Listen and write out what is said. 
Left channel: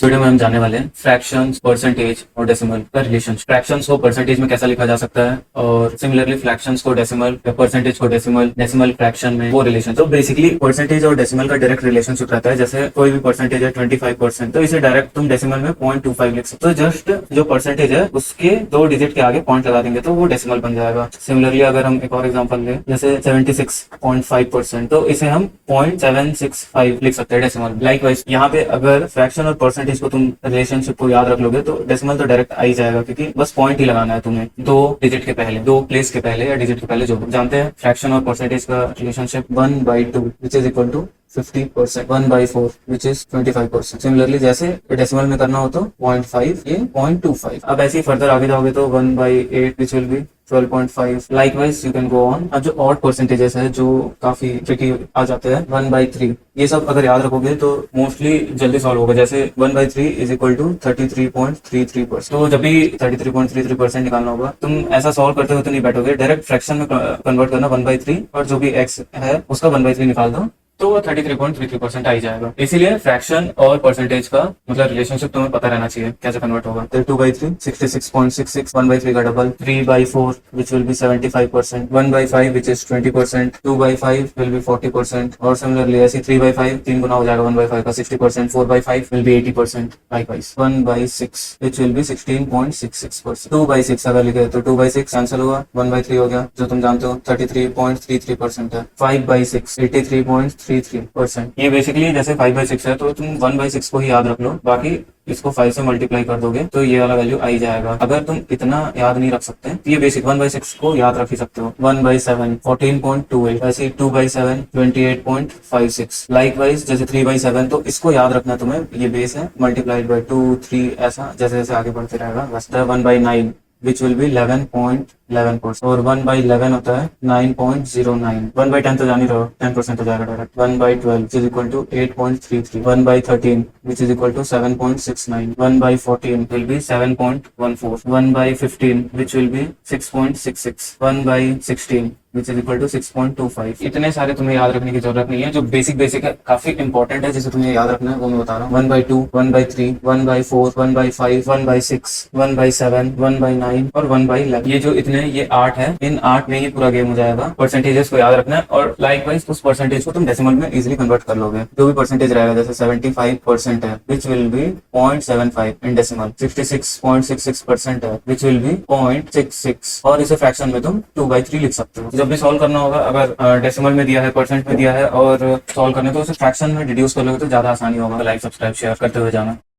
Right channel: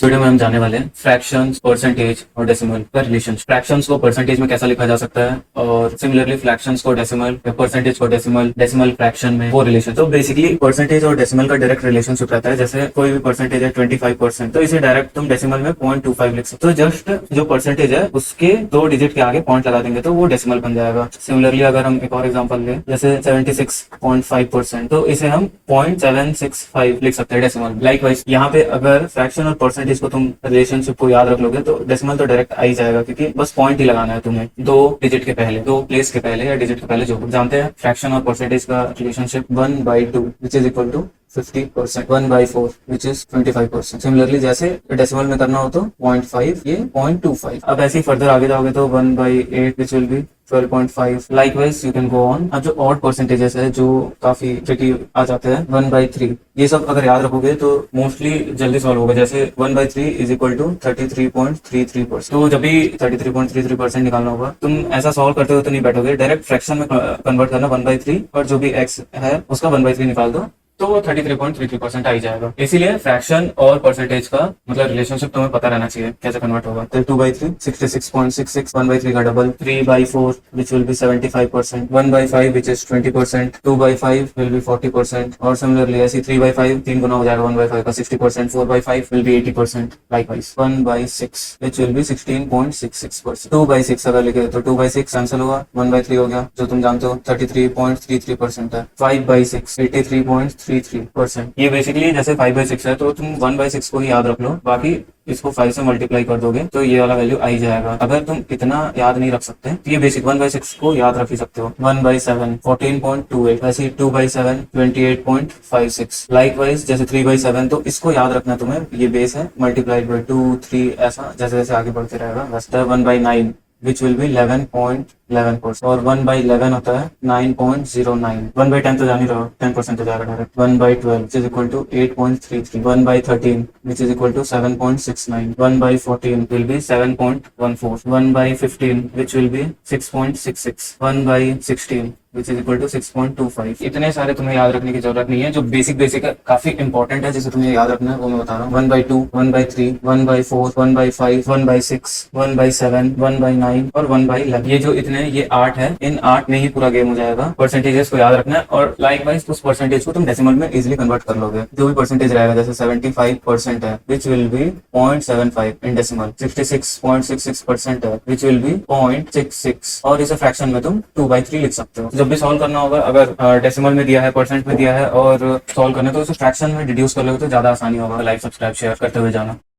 Video में हम जाने वाले हैं फ्रैक्शंस, परसेंटेज और डेसिमल का रिलेशन। फ्रैक्शंस को परसेंटेज में कैसा लिखा जा सकता है और सिमिलरली फ्रैक्शंस को डेसिमल या परसेंटेज को डेसिमल, डेसिमल फ्रैक्शन में वो रिलेशन। तो बेसिकली परसेंटेज और डेसिमल का डायरेक्ट रिलेशनशिप रहता है। जैसे कोई भी परसेंटेज है 25%, तो इसे डायरेक्ट तुम डेसिमल में 0.25 लिख सकते हो। तो जस्ट जो परसेंटेज है उसके 2 डिजिट के आगे पॉइंट लगा देंगे तो वो डेसिमल बन जाएगा। सिमिलरली अगर हम एक और एग्जाम्पल लें, जैसे 76.5%, तो इसे हम 0.765 लिख सकते हैं डेसिमल। लाइकवाइज यहाँ पे अगर फ्रैक्शन और परसेंटेज को तुम रिलेशनशिप को याद रख लोगे तो डेसिमल तो डायरेक्ट आ ही जाएगा, क्योंकि बस पॉइंट ही लगाना है तुम्हें 2 डिजिट के पहले, 2 प्लेस के पहले या डिजिट के पहले। जो जानते हैं फ्रैक्शन और परसेंटेज का relationship 1/2 which is equal to 50%, 1/4 which is 25%। Similarly जैसे डेसिमल में करना हो तो 0.5, ये 0.25। अब ऐसे ही फर्दर आगे जाओगे तो 1/8 which will be 12.5। Likewise you can go on. अब जो ऑड परसेंटेजेस है जो काफी ट्रिकी आ जाते हैं, 1/3, ये सब अगर याद रखोगे तो मोस्टली जल्दी सॉल्व होगा। जैसे 1/3 इज इक्वल टू 33.33%। तो जब भी 33.33% निकालना होगा, तुम ऐसा सॉल्व करते हो तो नहीं बैठोगे, डायरेक्ट फ्रैक्शन में कन्वर्ट करना 1/3 और जो भी x है उसका 1/3 निकाल दो तो वो 33.33% आ ही जाएगा। इसीलिए फ्रैक्शन और परसेंटेज का मतलब रिलेशनशिप तुम्हें पता रहना चाहिए कैसे कन्वर्ट होगा। तो 2/3 66.66, 1/3 का double 3/4 which will be 75%, 1/5 which is 20%, 2/5 will be 40%, और सिमिलरली ऐसी 3/5 3 गुना हो जाएगा 1/5 का 60%, 4/5 will be 80%। Likewise 1/6 which will be 16.66%। 2/6 अगर लिखे तो 2/6 कैंसिल होगा, 1/3 हो गया जो तुम जानते हो 33.33% है। 5/6 83.33%। ये बेसिकली जैसे 5/6 है तो तुम 1/6 को ही याद रख लो, बाकी इसको 5 से मल्टीप्लाई कर दोगे तो ये वाला वैल्यू आ ही जाएगा। अगर तुम इतना याद नहीं रख सकते तो ये बेसिक 1/6 को याद रख ही सकते हो। 1/7 14.28, वैसे 2/7 28.56। लाइकवाइज जैसे 3/7, तो इसको याद रखना तुम्हें, ये बेस है, मल्टीप्लाइड बाय 2 3 ऐसा जैसे जैसे आगे बढ़ते रहेगा। बस 1/9 which will be 11.11%, और 1/11 होता है 9.09। 1/10 तो जान ही रहो, 10% हो जाएगा direct. 1/12 which is equal to 8.33, 1/13 which is equal to 7.69, 1/14 will be 7.14, 1/15 which will be 6.66, 1/16 which is equal to 6.25। इतने सारे तुम्हें याद रखने की जरूरत नहीं है। जो बेसिक है, काफी इंपॉर्टेंट है, जिसे तुम्हें याद रखना है वो मैं बता रहा हूँ। 1/2, 1/3, 1/4, 1/5, 1/6, 1/7, 1/9 और 1/11। ये जो इतने, ये 8 है। इन 8 में ही पूरा गेम हो जाएगा। परसेंटेजेस को याद रखना है और लाइकवाइज उस परसेंटेज को तुम डेसिमल में इजिली कन्वर्ट कर लोगे। जो भी परसेंटेज रहेगा, जैसे 75% है which will be 0.75 in decimal, 66.66% है विच विल बी 0.66, और इसे फ्रैक्शन में तुम 2/3 लिख सकते हो। जब भी सॉल्व करना होगा, अगर डेसिमल में दिया है, परसेंट में दिया है और सॉल्व करना है, तो उसे फ्रैक्शन में रिड्यूस कर लोगे तो ज्यादा आसानी होगा। लाइक, सब्सक्राइब, शेयर करते हुए जाना।